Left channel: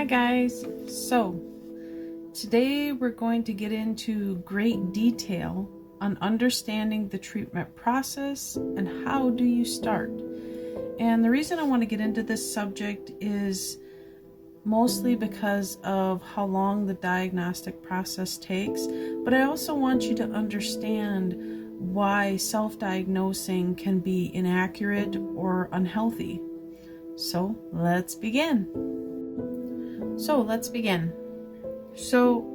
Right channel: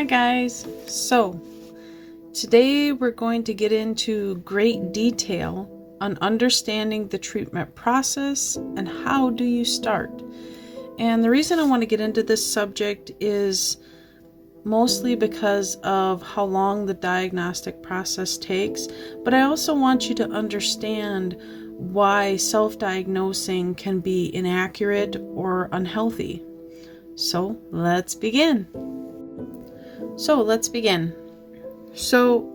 Hi guys, so today we're going to get into great detail on understanding the treatment process and how do you start. And the reason I want to get into this subject is mostly because of how long the diagnostic process takes, but I also want you to understand why self-diagnosing can be inaccurate or unhealthy. So let's begin. So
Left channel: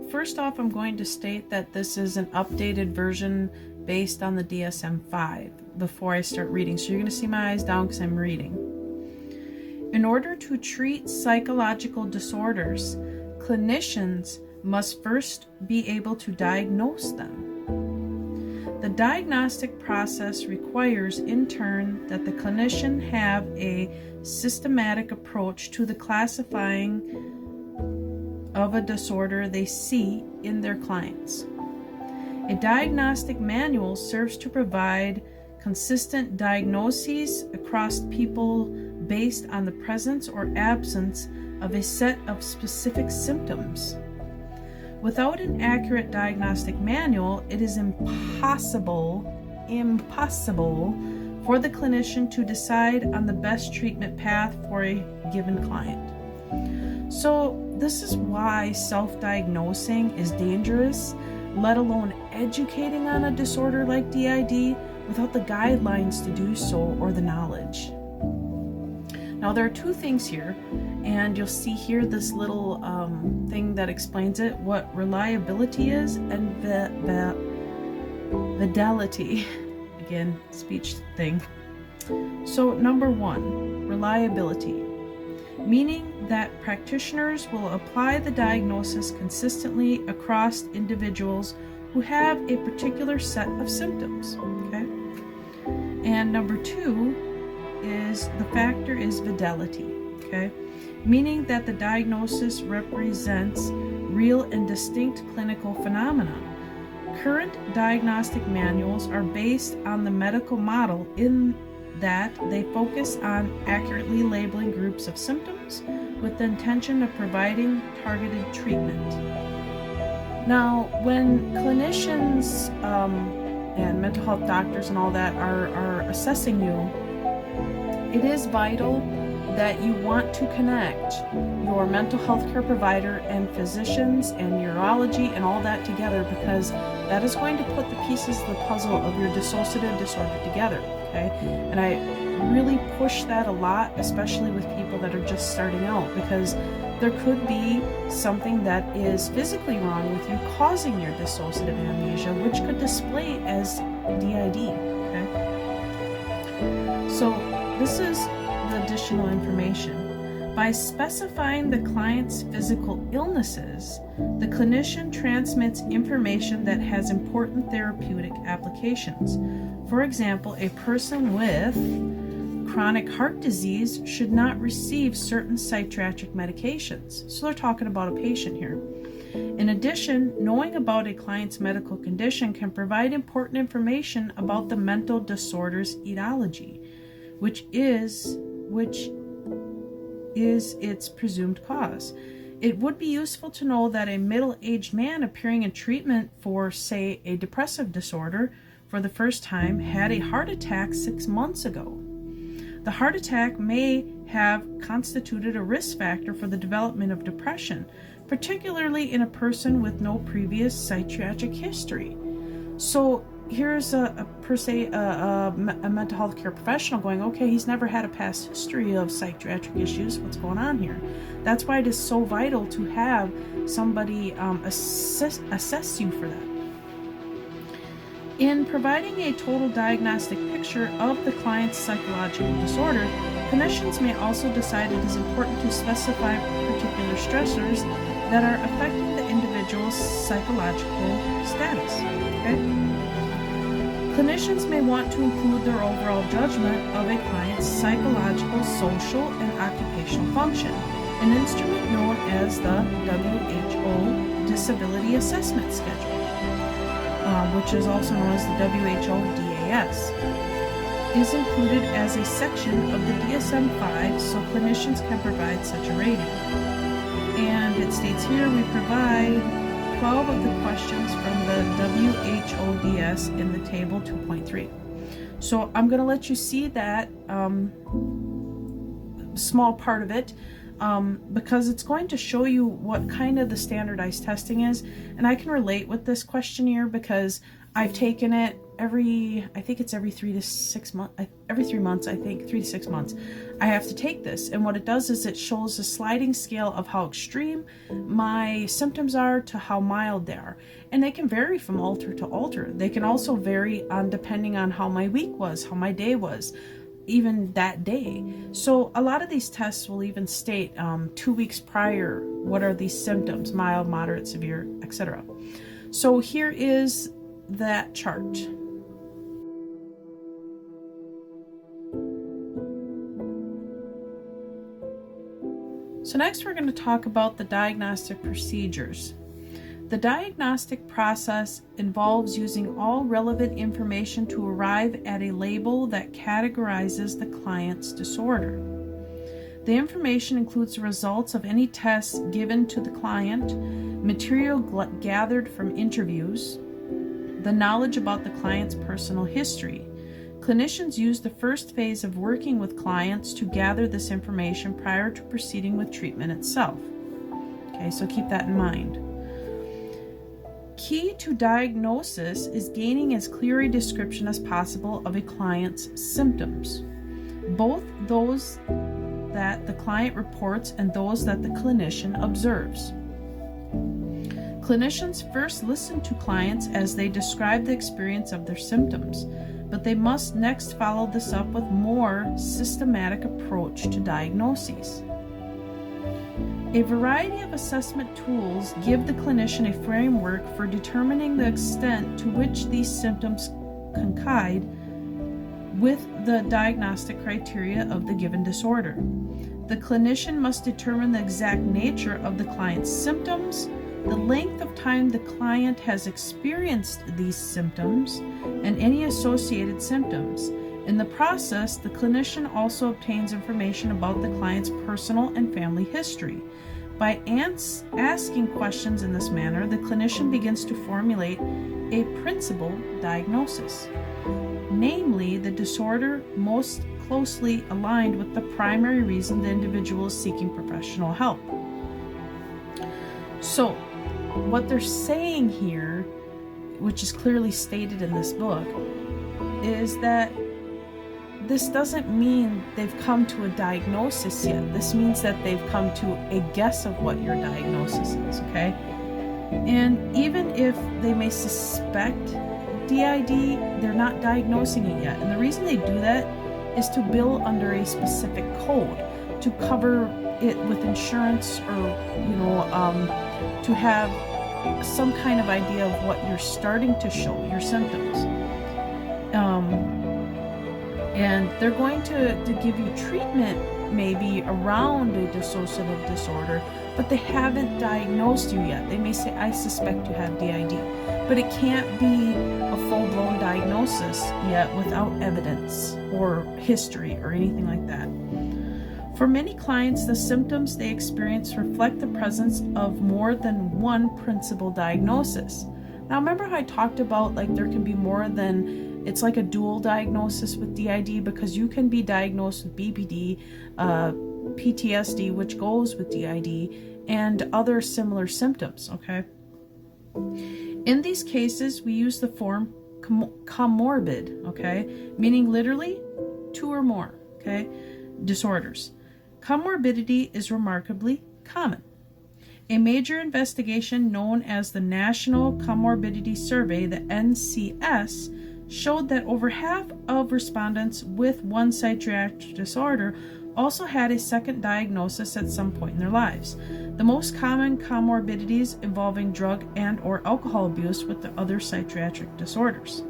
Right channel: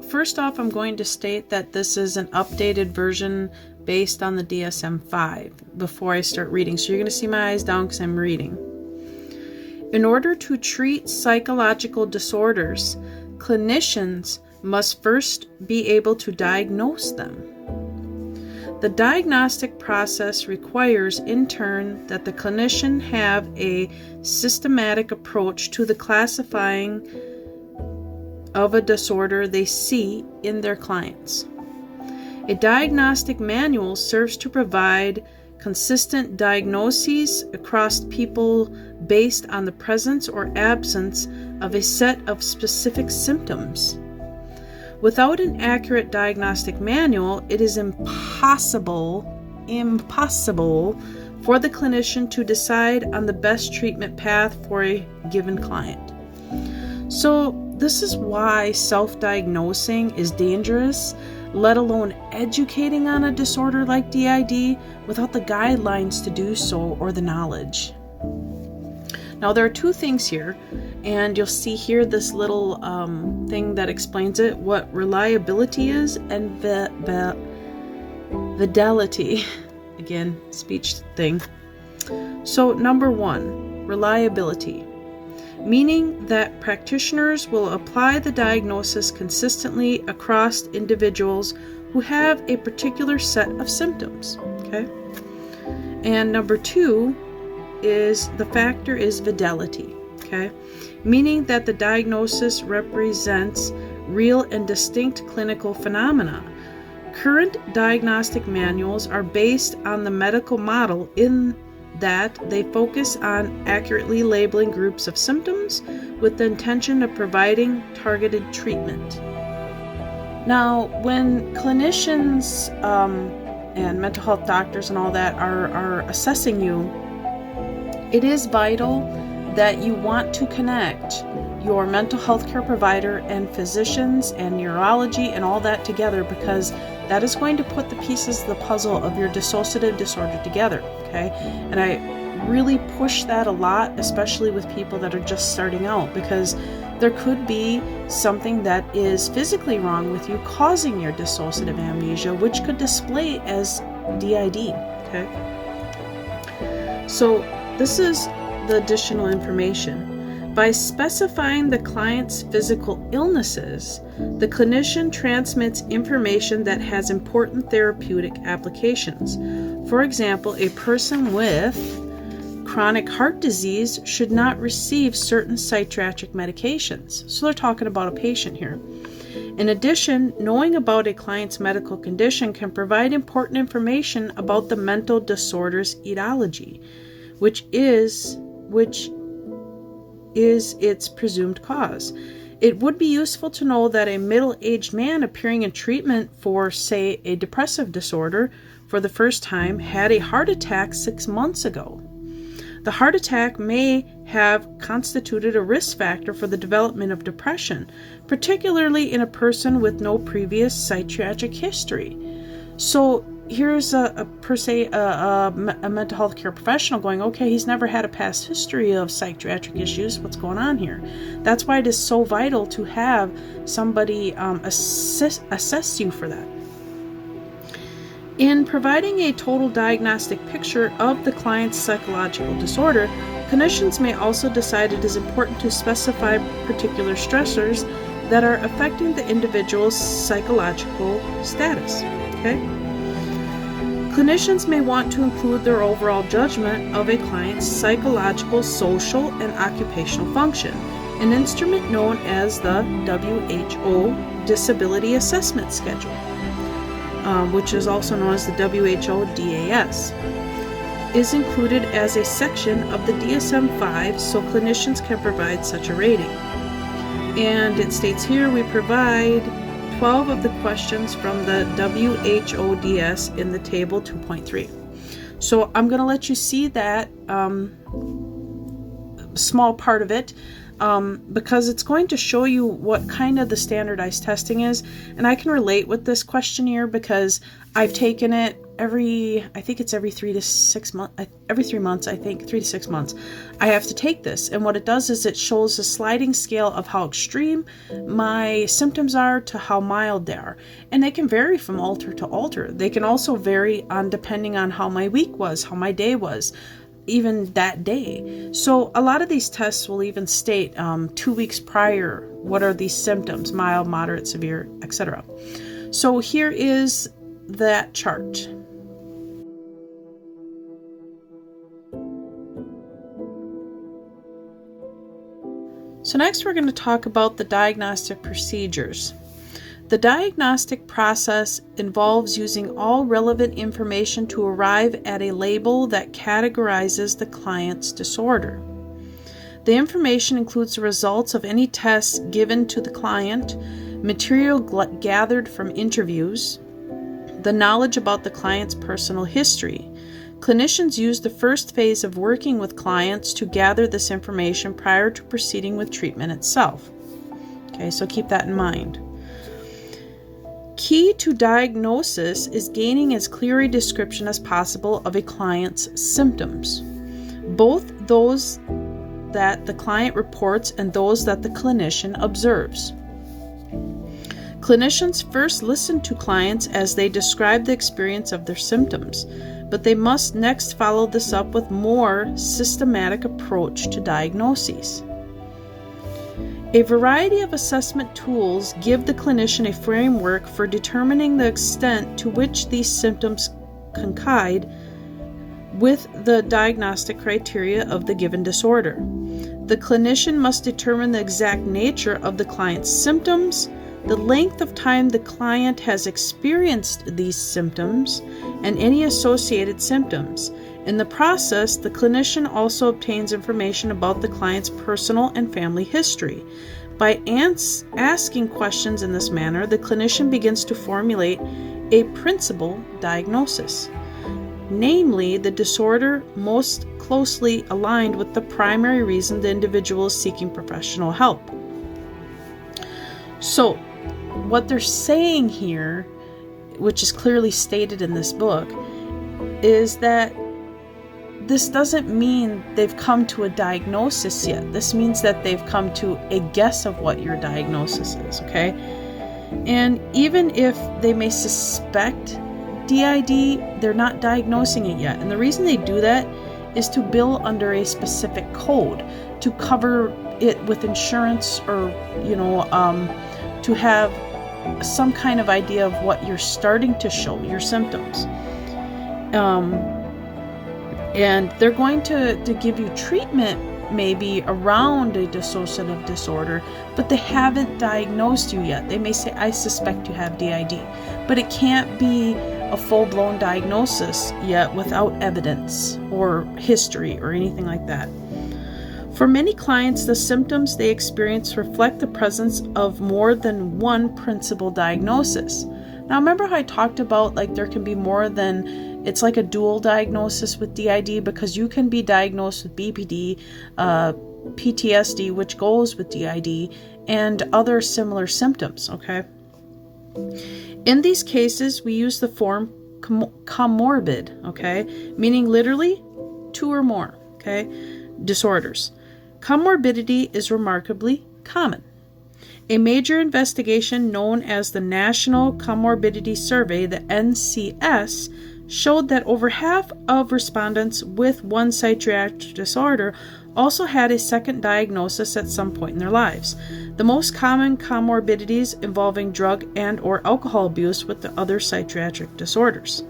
first off, I'm going to state that this is an updated version based on the DSM-5 before I start reading. So you're going to see my eyes down because I'm reading. In order to treat psychological disorders, clinicians must first be able to diagnose them. The diagnostic process requires, in turn, that the clinician have a systematic approach to the classifying of a disorder they see in their clients. A diagnostic manual serves to provide consistent diagnoses across people based on the presence or absence of a set of specific symptoms. Without an accurate diagnostic manual, it is impossible for the clinician to decide on the best treatment path for a given client. So this is why self-diagnosing is dangerous, let alone educating on a disorder like DID without the guidelines to do so or the knowledge. Now there are two things here, and you'll see here this little thing that explains it, what reliability is and fidelity. Again, speech thing. So number one, reliability. Meaning that practitioners will apply the diagnosis consistently across individuals who have a particular set of symptoms. Okay? And number two is the factor is fidelity. Okay? Meaning that the diagnosis represents real and distinct clinical phenomena. Current diagnostic manuals are based on the medical model in that they focus on accurately labeling groups of symptoms with the intention of providing targeted treatment. Now, when clinicians and mental health doctors and all that are assessing you, it is vital that you want to connect your mental health care provider and physicians and neurology and all that together, because that is going to put the pieces of the puzzle of your dissociative disorder together. Okay? And I really push that a lot, especially with people that are just starting out, because there could be something that is physically wrong with you causing your dissociative amnesia, which could display as DID. Okay? So this is the additional information. By specifying the client's physical illnesses, the clinician transmits information that has important therapeutic applications. For example, a person with chronic heart disease should not receive certain psychiatric medications. So they're talking about a patient here. In addition, knowing about a client's medical condition can provide important information about the mental disorder's etiology, which is its presumed cause. It would be useful to know that a middle-aged man appearing in treatment for, say, a depressive disorder for the first time had a heart attack 6 months ago. The heart attack may have constituted a risk factor for the development of depression, particularly in a person with no previous psychiatric history. So here's a mental health care professional going, okay, he's never had a past history of psychiatric issues. What's going on here? That's why it is so vital to have somebody assess you for that. In providing a total diagnostic picture of the client's psychological disorder, clinicians may also decide it is important to specify particular stressors that are affecting the individual's psychological status. Okay? Clinicians may want to include their overall judgment of a client's psychological, social, and occupational function, an instrument known as the WHO Disability Assessment Schedule, which is also known as the WHO DAS, is included as a section of the DSM-5 so clinicians can provide such a rating. And it states here we provide 12 of the questions from the WHODS in the table 2.3. So I'm going to let you see that small part of it because it's going to show you what kind of the standardized testing is. And I can relate with this questionnaire because I've taken it every 3 months, I think, 3 to 6 months. I have to take this. And what it does is it shows a sliding scale of how extreme my symptoms are to how mild they are. And they can vary from alter to alter. They can also vary depending on how my week was, how my day was, even that day. So a lot of these tests will even state 2 weeks prior, what are these symptoms, mild, moderate, severe, etc. So here is that chart. So next we're going to talk about the diagnostic procedures. The diagnostic process involves using all relevant information to arrive at a label that categorizes the client's disorder. The information includes the results of any tests given to the client, material gathered from interviews, the knowledge about the client's personal history. Clinicians use the first phase of working with clients to gather this information prior to proceeding with treatment itself. Okay, so keep that in mind. Key to diagnosis is gaining as clear a description as possible of a client's symptoms, both those that the client reports and those that the clinician observes. Clinicians first listen to clients as they describe the experience of their symptoms, but they must next follow this up with more systematic approach to diagnoses. A variety of assessment tools give the clinician a framework for determining the extent to which these symptoms coincide with the diagnostic criteria of the given disorder. The clinician must determine the exact nature of the client's symptoms, the length of time the client has experienced these symptoms, and any associated symptoms. In the process, the clinician also obtains information about the client's personal and family history. By asking questions in this manner, the clinician begins to formulate a principal diagnosis, namely the disorder most closely aligned with the primary reason the individual is seeking professional help. So, what they're saying here, which is clearly stated in this book, is that this doesn't mean they've come to a diagnosis yet. This means that they've come to a guess of what your diagnosis is, okay? And even if they may suspect DID, they're not diagnosing it yet. And the reason they do that is to bill under a specific code, to cover it with insurance, or, to have some kind of idea of what you're starting to show, your symptoms. And they're going to give you treatment maybe around a dissociative disorder, but they haven't diagnosed you yet. They may say, I suspect you have DID, but it can't be a full-blown diagnosis yet without evidence or history or anything like that. For many clients, the symptoms they experience reflect the presence of more than one principal diagnosis. Now, remember how I talked about there can be more than, it's like a dual diagnosis with DID, because you can be diagnosed with BPD, PTSD, which goes with DID, and other similar symptoms, okay? In these cases, we use the form comorbid, okay? Meaning literally 2 or more, okay? Disorders. Comorbidity is remarkably common. A major investigation known as the National Comorbidity Survey, the NCS, showed that over half of respondents with one psychiatric disorder also had a second diagnosis at some point in their lives. The most common comorbidities involving drug and or alcohol abuse with the other psychiatric disorders.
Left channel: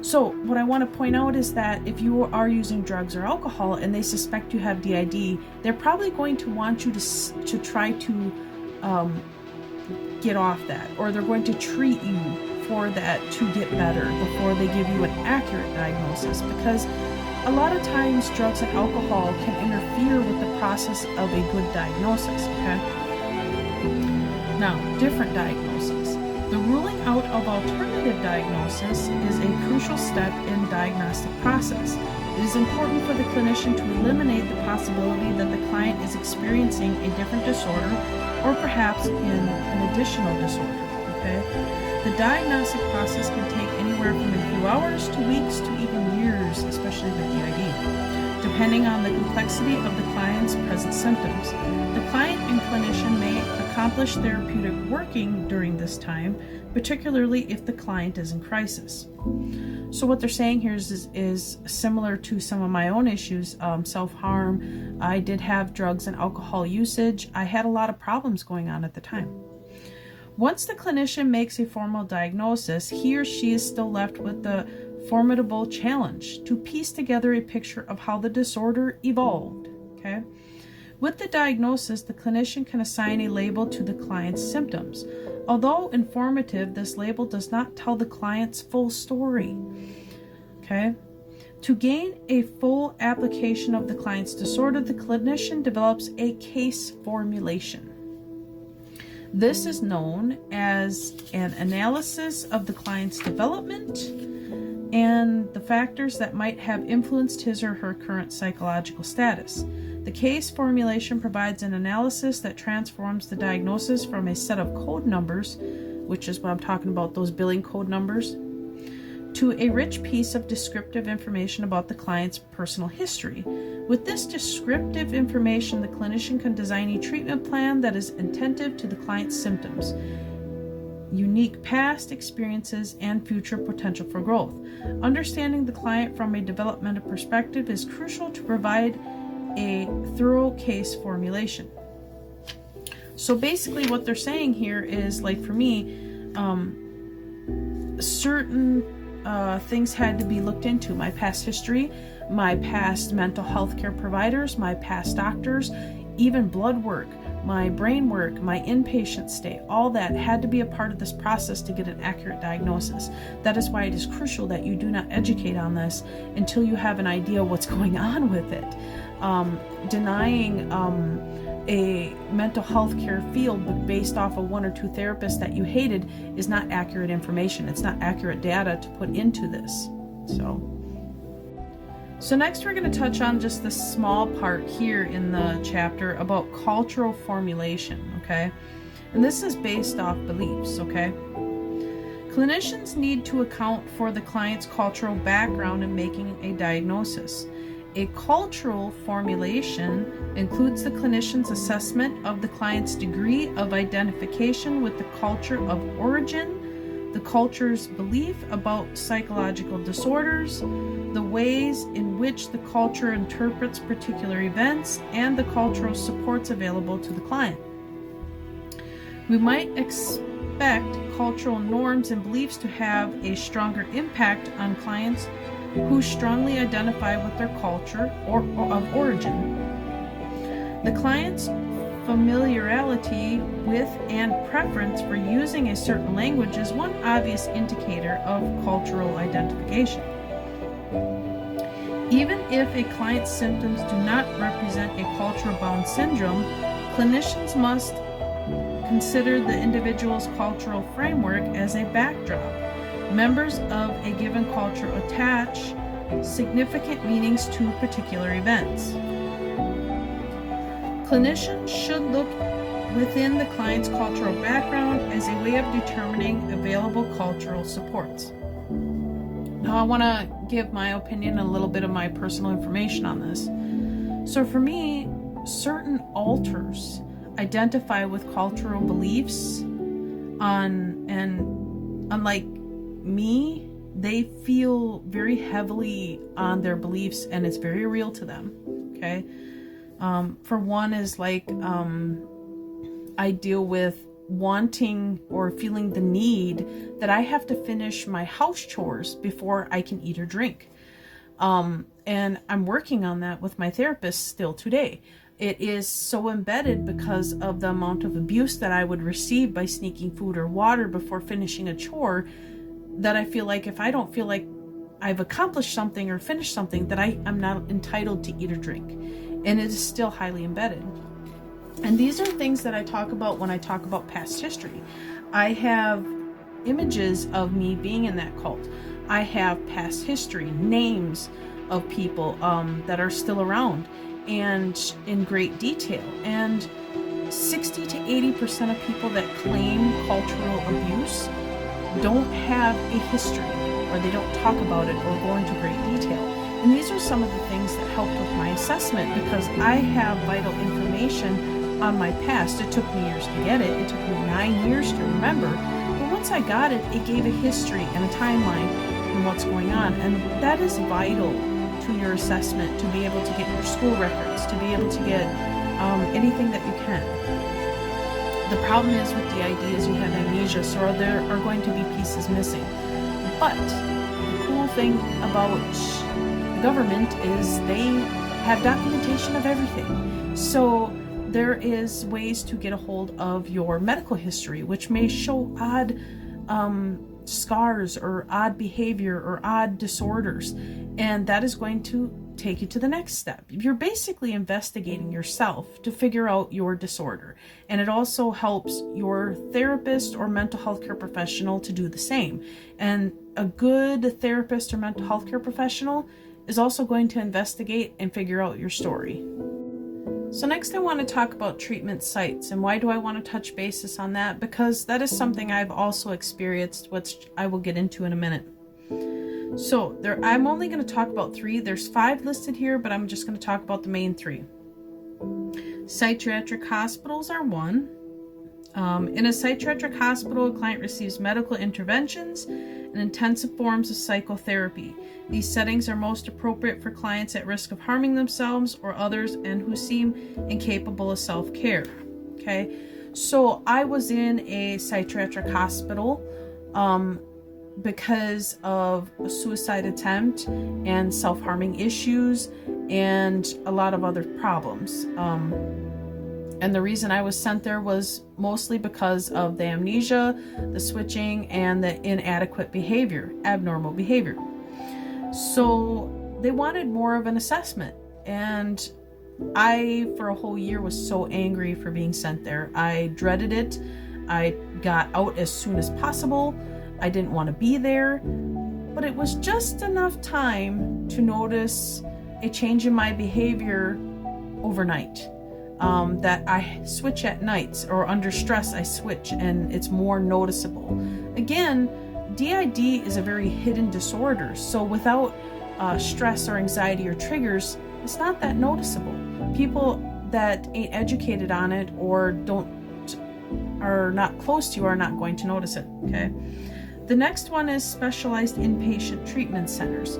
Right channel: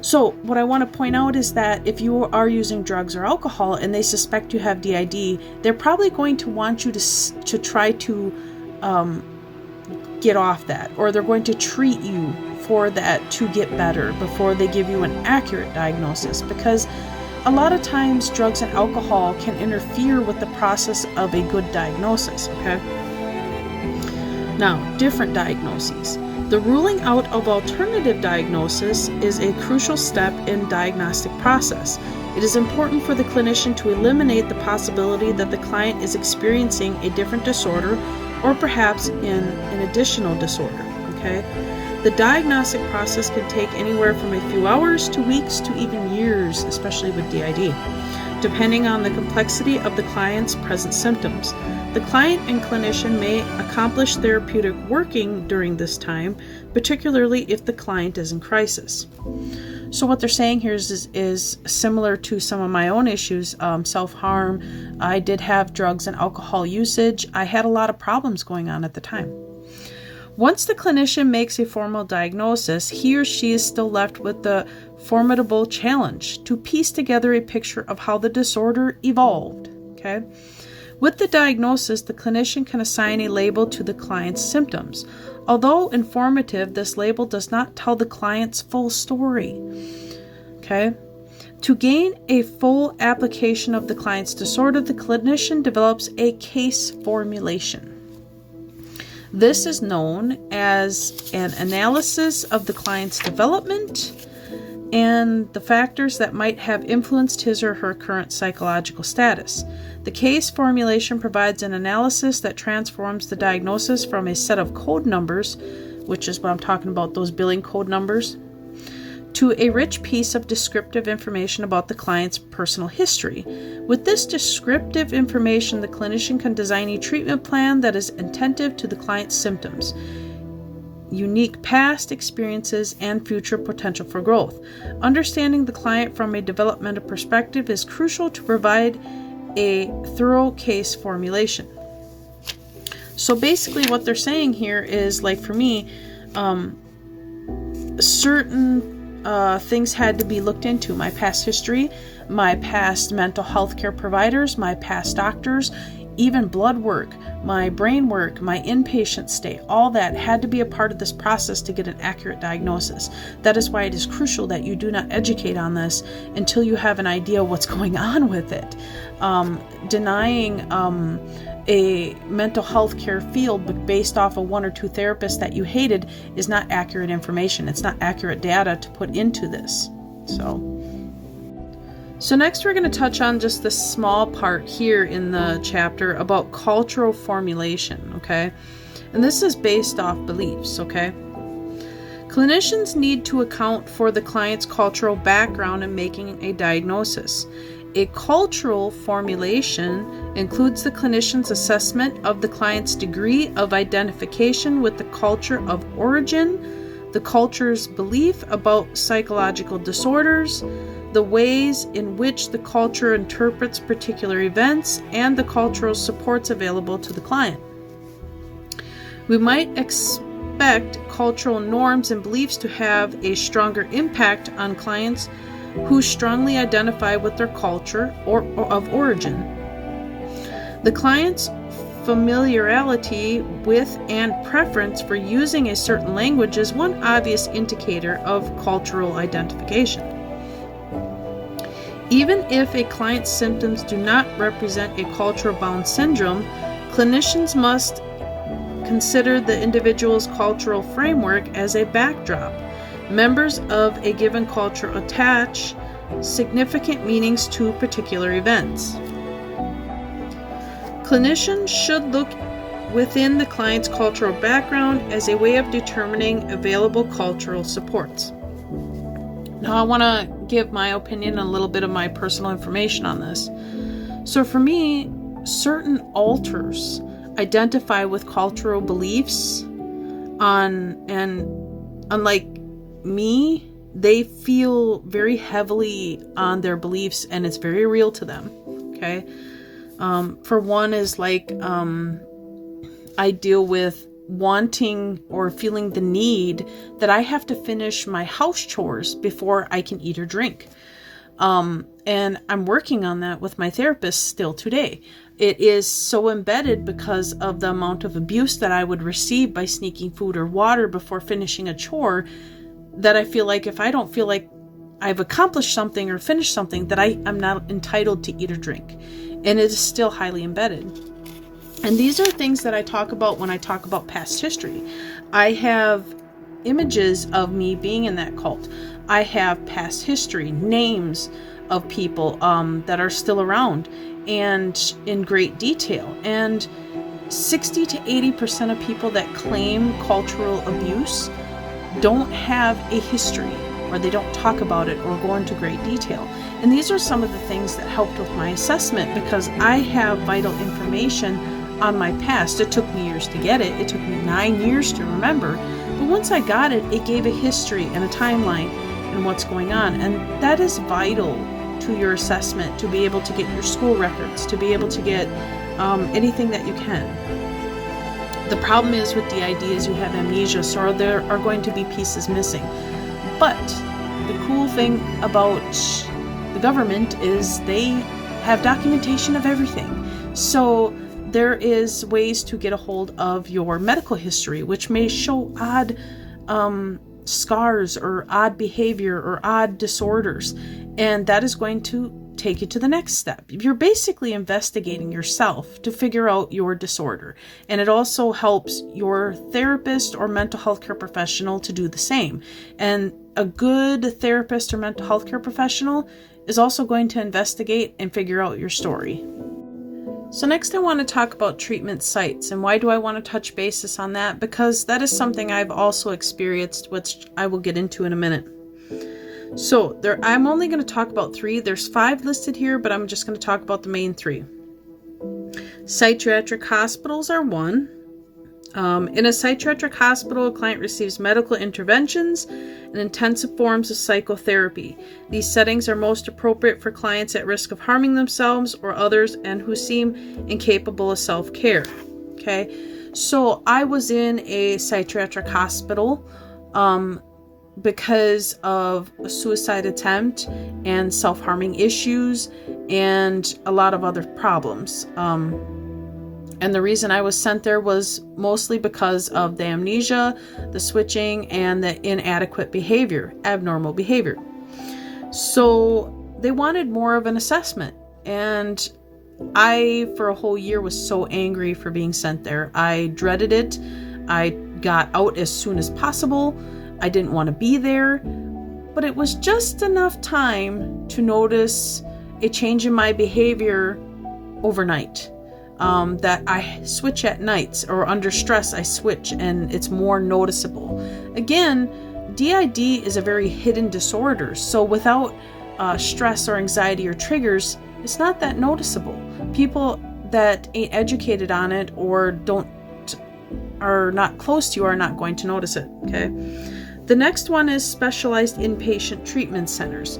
So what I want to point out is that if you are using drugs or alcohol and they suspect you have DID, they're probably going to want you to try to get off that, or they're going to treat you for that to get better before they give you an accurate diagnosis, because a lot of times drugs and alcohol can interfere with the process of a good diagnosis, okay? Now, different diagnoses. The ruling out of alternative diagnosis is a crucial step in diagnostic process. It is important for the clinician to eliminate the possibility that the client is experiencing a different disorder or perhaps an additional disorder, okay? The diagnostic process can take anywhere from a few hours to weeks to even years, especially with DID, depending on the complexity of the client's present symptoms. The client and clinician may accomplish therapeutic working during this time, particularly if the client is in crisis. So what they're saying here is similar to some of my own issues, self-harm. I did have drugs and alcohol usage. I had a lot of problems going on at the time. Once the clinician makes a formal diagnosis, he or she is still left with the formidable challenge to piece together a picture of how the disorder evolved, okay? With the diagnosis, the clinician can assign a label to the client's symptoms. Although informative, this label does not tell the client's full story, okay? To gain a full application of the client's disorder, the clinician develops a case formulation. This is known as an analysis of the client's development and the factors that might have influenced his or her current psychological status. The case formulation provides an analysis that transforms the diagnosis from a set of code numbers, which is what I'm talking about, those billing code numbers, to a rich piece of descriptive information about the client's personal history. With this descriptive information, the clinician can design a treatment plan that is attentive to the client's symptoms, unique past experiences, and future potential for growth. Understanding the client from a developmental perspective is crucial to provide a thorough case formulation. So basically what they're saying here is, like for me, certain things had to be looked into. My past history, my past mental health care providers, my past doctors, even blood work, my brain work, my inpatient stay, all that had to be a part of this process to get an accurate diagnosis. That is why it is crucial that you do not educate on this until you have an idea what's going on with it. Denying a mental health care field but based off of one or two therapists that you hated is not accurate information. It's not accurate data to put into this. So next we're going to touch on just this small part here in the chapter about cultural formulation, okay? And this is based off beliefs, okay? Clinicians need to account for the client's cultural background in making a diagnosis. A cultural formulation includes the clinician's assessment of the client's degree of identification with the culture of origin, the culture's belief about psychological disorders, the ways in which the culture interprets particular events, and the cultural supports available to the client. We might expect cultural norms and beliefs to have a stronger impact on clients who strongly identify with their culture or of origin. The client's familiarity with and preference for using a certain language is one obvious indicator of cultural identification. Even if a client's symptoms do not represent a cultural-bound syndrome, clinicians must consider the individual's cultural framework as a backdrop. Members of a given culture attach significant meanings to particular events. Clinicians should look within the client's cultural background as a way of determining available cultural supports. Now I want to give my opinion and a little bit of my personal information on this. So for me, certain alters identify with cultural beliefs and unlike me, they feel very heavily on their beliefs and it's very real to them, okay? For one is like, I deal with wanting or feeling the need that I have to finish my house chores before I can eat or drink. And I'm working on that with my therapist still today. It is so embedded because of the amount of abuse that I would receive by sneaking food or water before finishing a chore that I feel like if I don't feel like I've accomplished something or finished something that I'm not entitled to eat or drink. And it is still highly embedded. And these are things that I talk about when I talk about past history. I have images of me being in that cult. I have past history, names of people that are still around and in great detail. And 60 to 80% of people that claim cultural abuse don't have a history, or they don't talk about it or go into great detail. And these are some of the things that helped with my assessment, because I have vital information on my past. It took me years to get it. It took me 9 years to remember. But once I got it, it gave a history and a timeline and what's going on. And that is vital to your assessment, to be able to get your school records, to be able to get anything that you can. The problem is with DID is you have amnesia, so there are going to be pieces missing. But the cool thing about the government is they have documentation of everything. So there is ways to get a hold of your medical history, which may show odd scars or odd behavior or odd disorders. And that is going to take you to the next step. You're basically investigating yourself to figure out your disorder. And it also helps your therapist or mental health care professional to do the same. And a good therapist or mental health care professional is also going to investigate and figure out your story. So next I want to talk about treatment sites. And why do I want to touch basis on that? Because that is something I've also experienced, which I will get into in a minute. So I'm only going to talk about 3. There's 5 listed here, but I'm just going to talk about the main 3. Psychiatric hospitals are one. In a psychiatric hospital, a client receives medical interventions and intensive forms of psychotherapy. These settings are most appropriate for clients at risk of harming themselves or others and who seem incapable of self-care. Okay, so I was in a psychiatric hospital because of a suicide attempt and self-harming issues and a lot of other problems. And the reason I was sent there was mostly because of the amnesia, the switching, and the inadequate behavior, abnormal behavior. So they wanted more of an assessment. And I, for a whole year, was so angry for being sent there. I dreaded it. I got out as soon as possible. I didn't want to be there. But it was just enough time to notice a change in my behavior overnight. That I switch at nights, or under stress I switch, and it's more noticeable. Again, DID is a very hidden disorder, so without stress or anxiety or triggers, it's not that noticeable. People that ain't educated on it or are not close to you are not going to notice it. Okay. The next one is specialized inpatient treatment centers,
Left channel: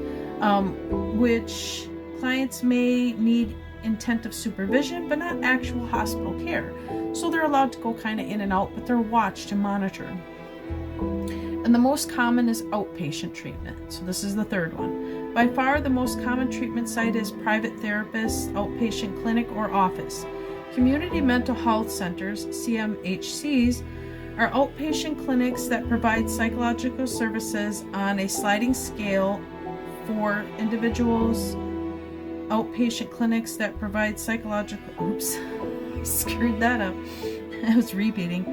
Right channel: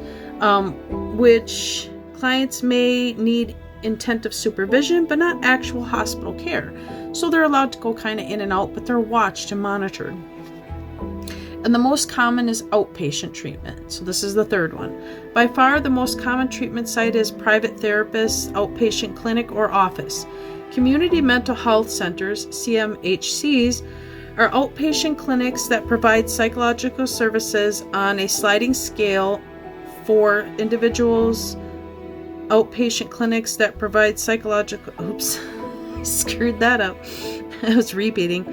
which clients may need intensive supervision, but not actual hospital care. So they're allowed to go kind of in and out, but they're watched and monitored. And the most common is outpatient treatment. So this is the third one. By far, the most common treatment site is private therapist, outpatient clinic, or office. Community mental health centers, CMHCs, are outpatient clinics that provide psychological services on a sliding scale for individuals. Outpatient clinics that provide psychological... Oops, I screwed that up. I was repeating.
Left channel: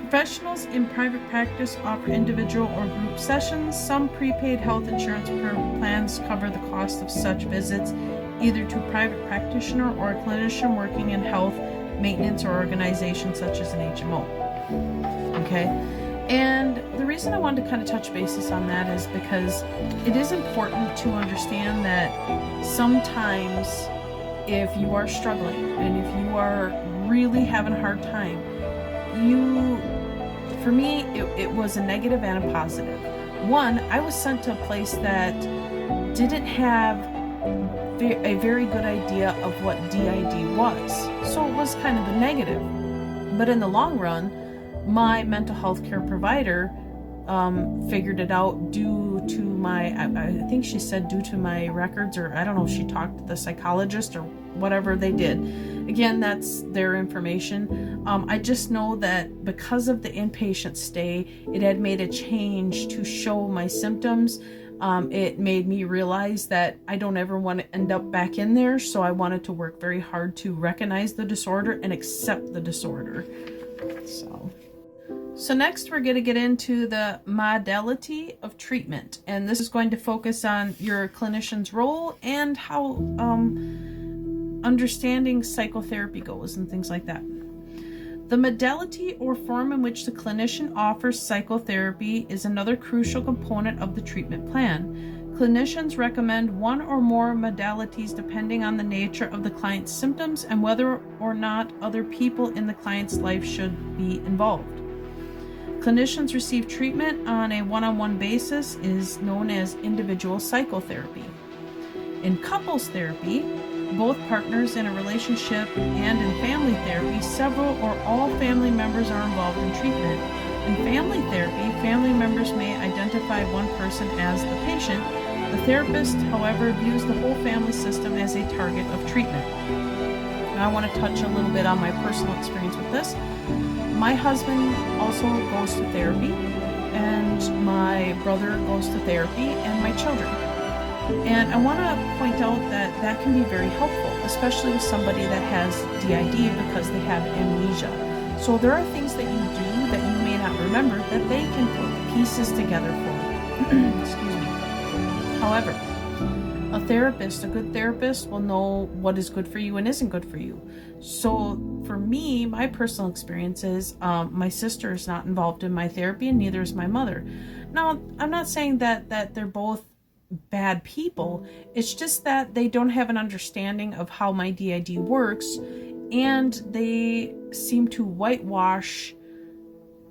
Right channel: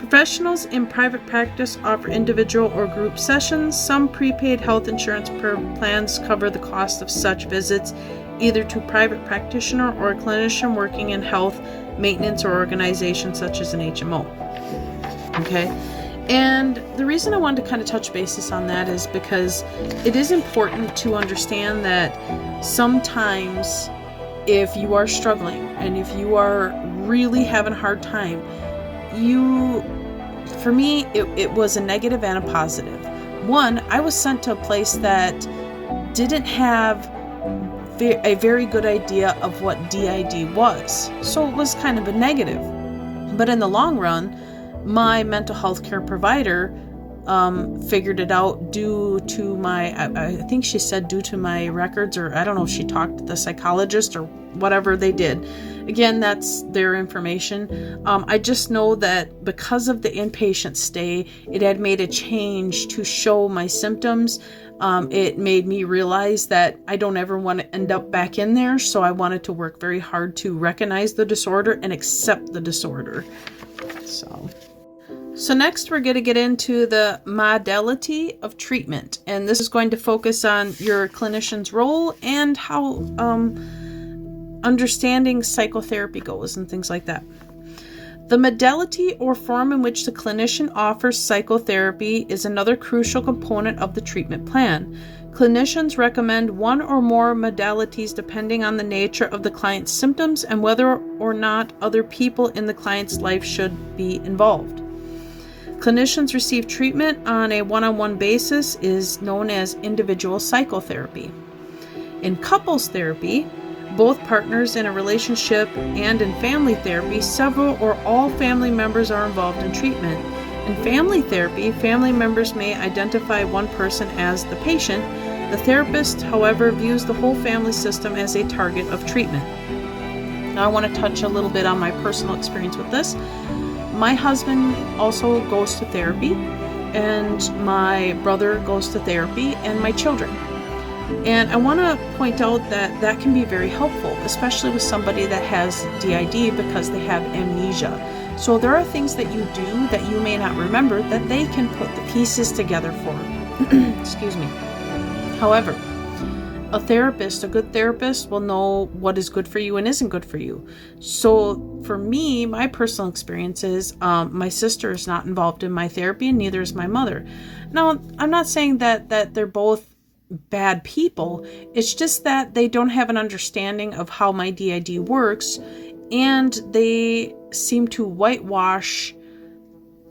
Professionals in private practice offer individual or group sessions. Some prepaid health insurance plans cover the cost of such visits, either to a private practitioner or a clinician working in health maintenance or organization such as an HMO. Okay? And the reason I wanted to kind of touch basis on that is because it is important to understand that sometimes if you are struggling and if you are really having a hard time, for me, it was a negative and a positive. One, I was sent to a place that didn't have a very good idea of what DID was. So it was kind of a negative. But in the long run, my mental health care provider figured it out due to I think she said due to my records, or I don't know if she talked to the psychologist or whatever they did. Again, that's their information. I just know that because of the inpatient stay, it had made a change to show my symptoms It made me realize that I don't ever want to end up back in there, so I wanted to work very hard to recognize the disorder and accept the disorder. So next we're going to get into the modality of treatment, and this is going to focus on your clinician's role and how understanding psychotherapy goes and things like that. The modality or form in which the clinician offers psychotherapy is another crucial component of the treatment plan. Clinicians recommend one or more modalities depending on the nature of the client's symptoms and whether or not other people in the client's life should be involved. Clinicians receive treatment on a one-on-one basis is known as individual psychotherapy. In couples therapy, both partners in a relationship, and in family therapy, several or all family members are involved in treatment. In family therapy, family members may identify one person as the patient. The therapist, however, views the whole family system as a target of treatment. Now, I want to touch a little bit on my personal experience with this. My husband also goes to therapy, and my brother goes to therapy, and my children. And I want to point out that that can be very helpful, especially with somebody that has DID because they have amnesia. So there are things that you do that you may not remember that they can put the pieces together for. Excuse me. However, a good therapist will know what is good for you and isn't good for you. So for me, my personal experience is my sister is not involved in my therapy, and neither is my mother. Now, I'm not saying that they're both bad people. It's just that they don't have an understanding of how my DID works, and they seem to whitewash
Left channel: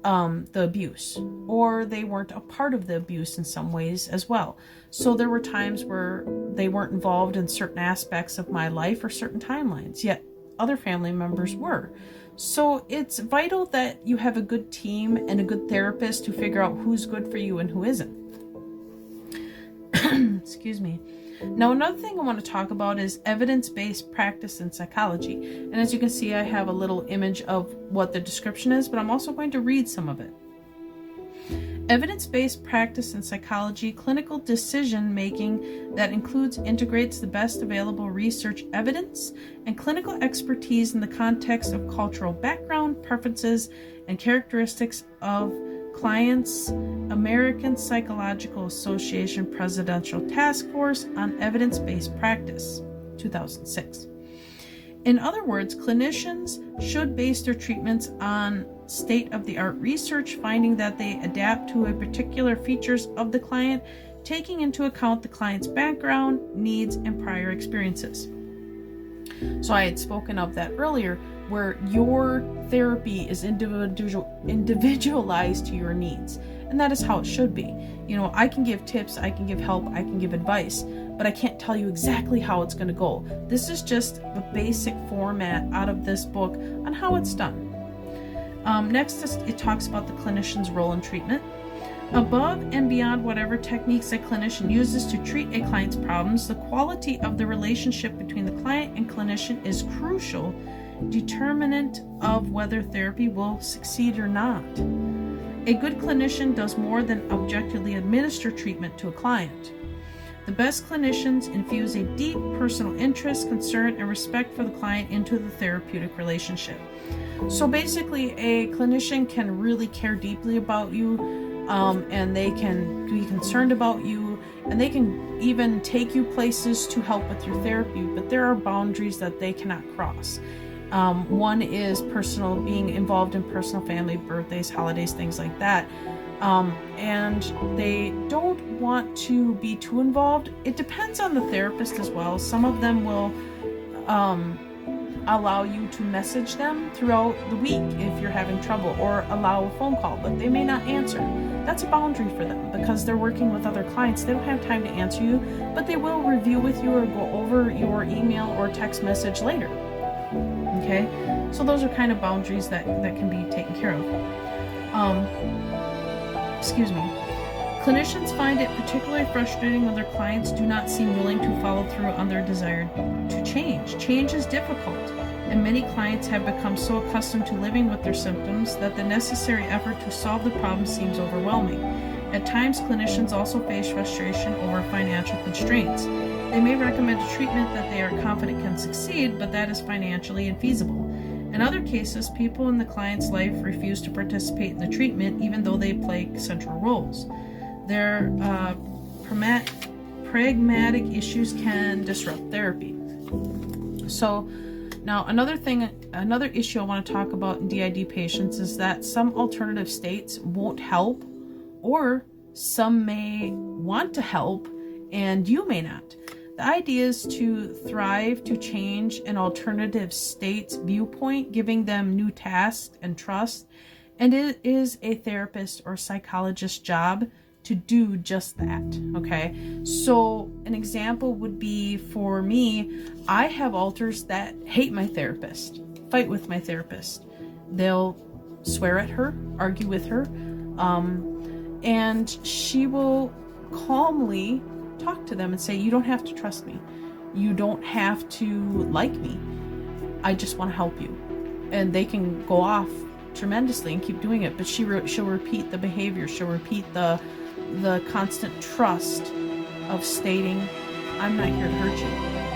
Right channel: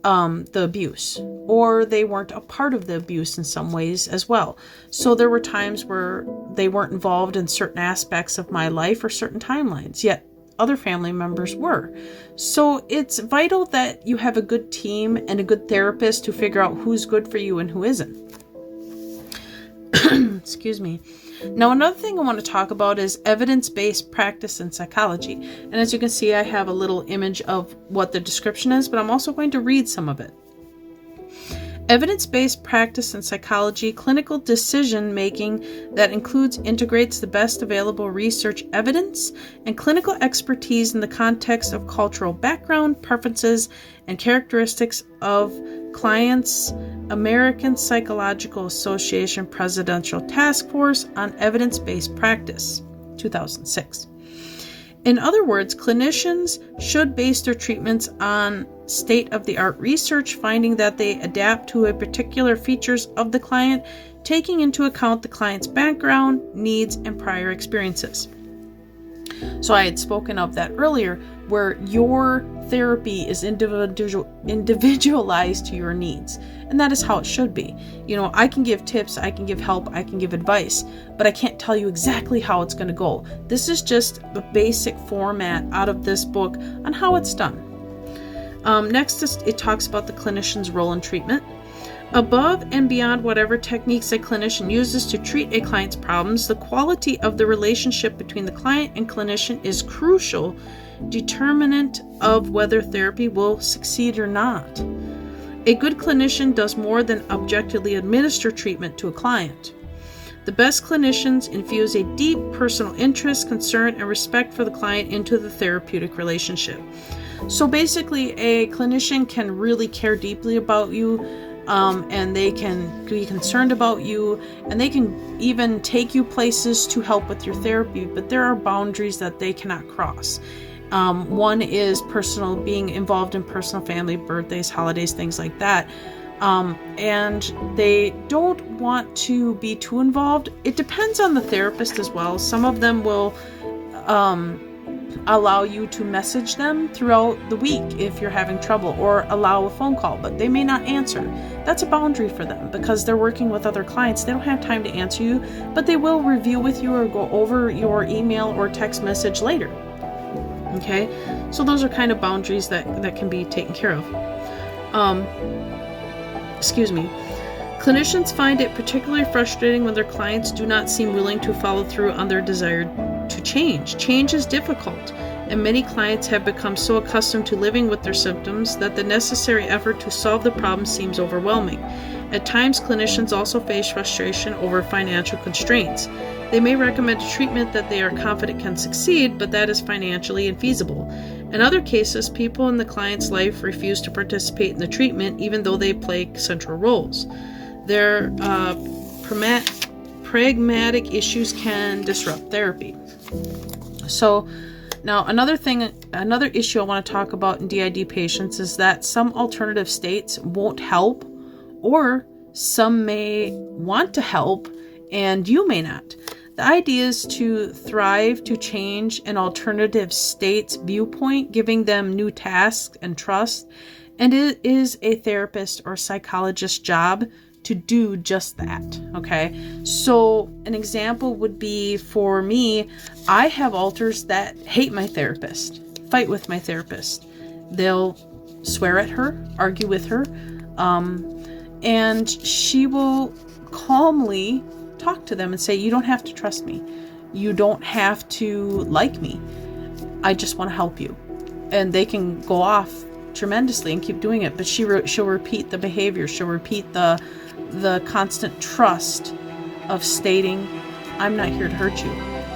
the abuse, or they weren't a part of the abuse in some ways as well. So there were times where they weren't involved in certain aspects of my life or certain timelines, yet other family members were. So it's vital that you have a good team and a good therapist to figure out who's good for you and who isn't. Excuse me. Now, another thing I want to talk about is evidence-based practice in psychology. And as you can see, I have a little image of what the description is, but I'm also going to read some of it. Evidence-based practice in psychology, clinical decision-making that integrates the best available research evidence and clinical expertise in the context of cultural background, preferences, and characteristics of clients. American Psychological Association Presidential Task Force on Evidence-Based Practice, 2006. In other words, clinicians should base their treatments on state-of-the-art research, finding that they adapt to a particular features of the client, taking into account the client's background, needs, and prior experiences. So I had spoken of that earlier, where your therapy is individualized to your needs. And that is how it should be. You know, I can give tips, I can give help, I can give advice, but I can't tell you exactly how it's going to go. This is just the basic format out of this book on how it's done. Next, it talks about the clinician's role in treatment. Above and beyond whatever techniques a clinician uses to treat a client's problems, the quality of the relationship between the client and clinician is crucial determinant of whether therapy will succeed or not. A good clinician does more than objectively administer treatment to a client. The best clinicians infuse a deep personal interest, concern, and respect for the client into the therapeutic relationship. So basically, a clinician can really care deeply about you, and they can be concerned about you, and they can even take you places to help with your therapy, but there are boundaries that they cannot cross. One is being involved in personal family, birthdays, holidays, things like that. And they don't want to be too involved. It depends on the therapist as well. Some of them will allow you to message them throughout the week if you're having trouble, or allow a phone call, but they may not answer. That's a boundary for them because they're working with other clients. They don't have time to answer you, but they will review with you or go over your email or text message later. Okay, so those are kind of boundaries that can be taken care of. Clinicians find it particularly frustrating when their clients do not seem willing to follow through on their desire to change. Change is difficult, and many clients have become so accustomed to living with their symptoms that the necessary effort to solve the problem seems overwhelming. At times, clinicians also face frustration over financial constraints. They may recommend a treatment that they are confident can succeed, but that is financially infeasible. In other cases, people in the client's life refuse to participate in the treatment even though they play central roles. Their pragmatic issues can disrupt therapy. So now another issue I want to talk about in DID patients is that some alternative states won't help, or some may want to help and you may not. The idea is to thrive to change an alternative state's viewpoint, giving them new tasks and trust, and it is a therapist or psychologist's job to do just that. Okay, so an example would be, for me, I have alters that hate my therapist, fight with my therapist. They'll swear at her, argue with her, and she will calmly talk to them and say, you don't have to trust me. You don't have to like me. I just want to help you. And they can go off tremendously and keep doing it, but she'll repeat the behavior. She'll repeat the constant trust of stating, I'm not here to hurt you.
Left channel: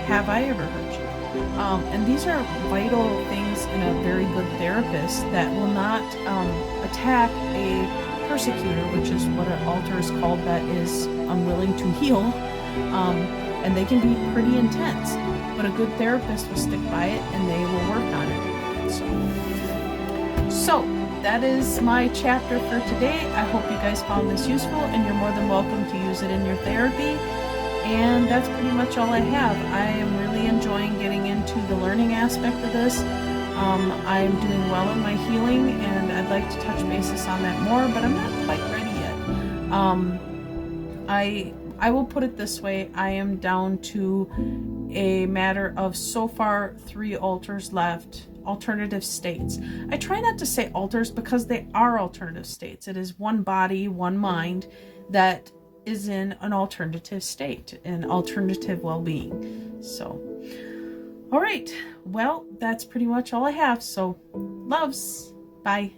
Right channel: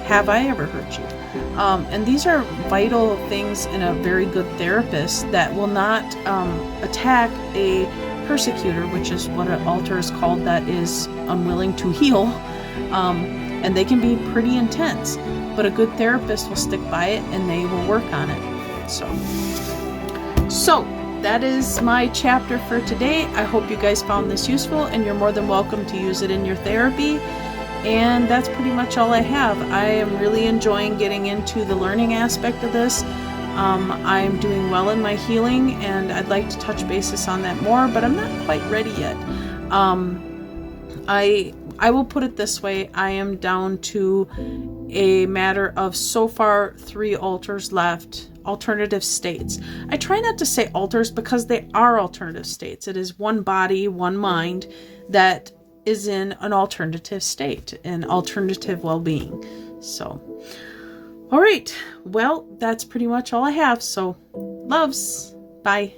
Have I ever hurt you? And these are vital things in a very good therapist that will not attack a persecutor, which is what an alter is called, that is unwilling to heal. And they can be pretty intense, but a good therapist will stick by it and they will work on it. So that is my chapter for today. I hope you guys found this useful, and you're more than welcome to use it in your therapy. And that's pretty much all I have. I am really enjoying getting into the learning aspect of this. I'm doing well in my healing, and I'd like to touch bases on that more, but I'm not quite ready yet. I will put it this way. I am down to a matter of, so far, 3 alters left, alternative states. I try not to say alters because they are alternative states. It is one body, one mind that is in an alternative state, an alternative well-being. So, all right. Well, that's pretty much all I have. So, loves. Bye.